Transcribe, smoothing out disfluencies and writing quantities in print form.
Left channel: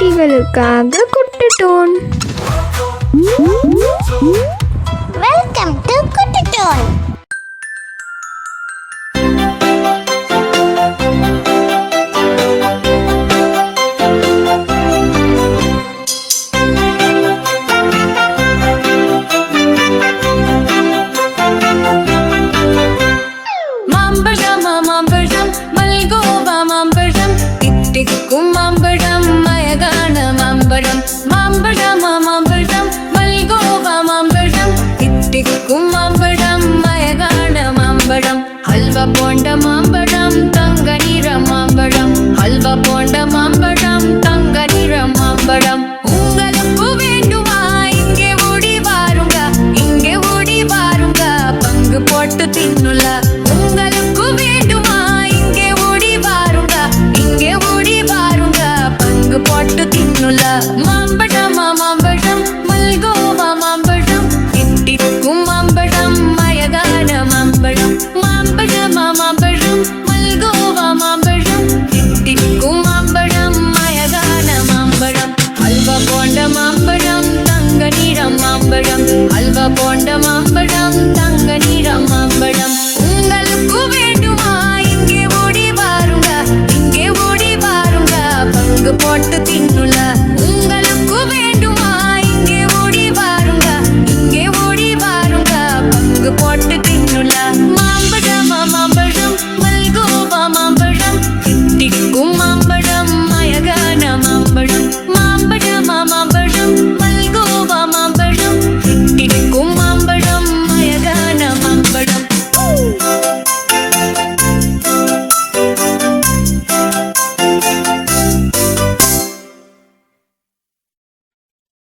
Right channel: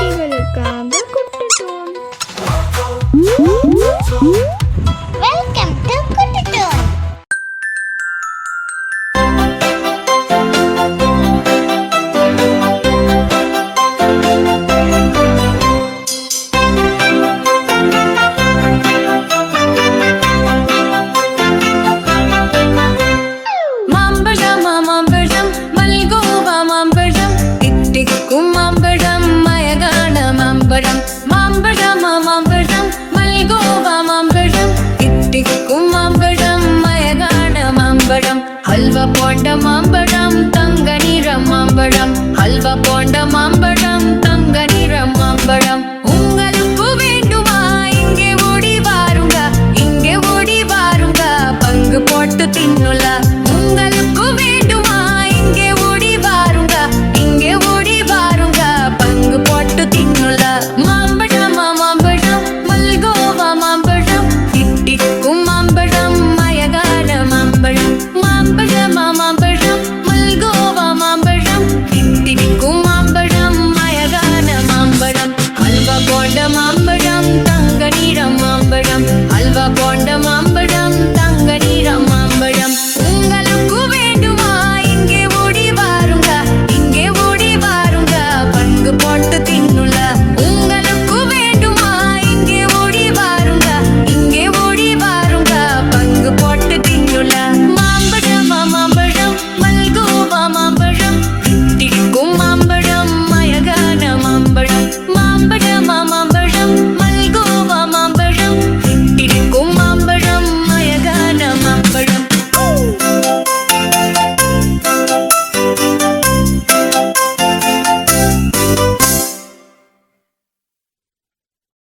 குட்டிகளுக்காக குட்டட்டோன். Welcome to குட்டட்டோன். மாம்பழம் மல்கோவா மாம்பழம் தித்திக்கும் மாம்பழம் மயகான மாம்பழம். மாம்பழம் மல்கோவா மாம்பழம் தித்திக்கும் மாம்பழம் மயகான மாம்பழம். ஹல்வா போண்ட மாம்பழம் தங்க நிறம் மாம்பழம். ஹல்வா போண்ட மாம்பழம் தங்க நிறம் மாம்பழம். உங்களுக்கு வேண்டுமா இங்கே ஓடி வாருங்க, இங்கே ஓடி வாருங்க, பங்கு போட்டு தின்னுல. உங்களுக்கு வேண்டுமா இங்கே ஓடி வாருங்க, இங்கே ஓடி வாருங்க, பங்கு போட்டு தின்னுல. மாம்பழம் மல்கோவா மாம்பழம் தித்திக்கும் மாம்பழம் மயகான மாம்பழம். மாம்பழம் மல்கோவா மாம்பழம் தித்திக்கும் மாம்பழம் மயகான மாம்பழம். ஹல்வா போண்ட மாம்பழம் தங்க நிறம் மாம்பழம். ஹல்வா போண்ட மாம்பழம் தங்க நிறம் மாம்பழம். உங்களுக்கு வேண்டுமா இங்கே ஓடி வாருங்க, இங்கே ஓடி வாருங்க, பங்கு போட்டு தின்னுல. உங்களுக்கு வேண்டுமா இங்கே ஓடி வாருங்க, இங்கே ஓடி வாருங்க, பங்கு போட்டு தின்னுல. மாம்பழம் மல்கோவா மாம்பழம் தித்திக்கும் மாம்பழம் மயகான மாம்பழம். மாம்பழம் மல்கோவா மாம்பழம் தித்திக்கும் மாம்பழம் மயகான மாம்பழம்.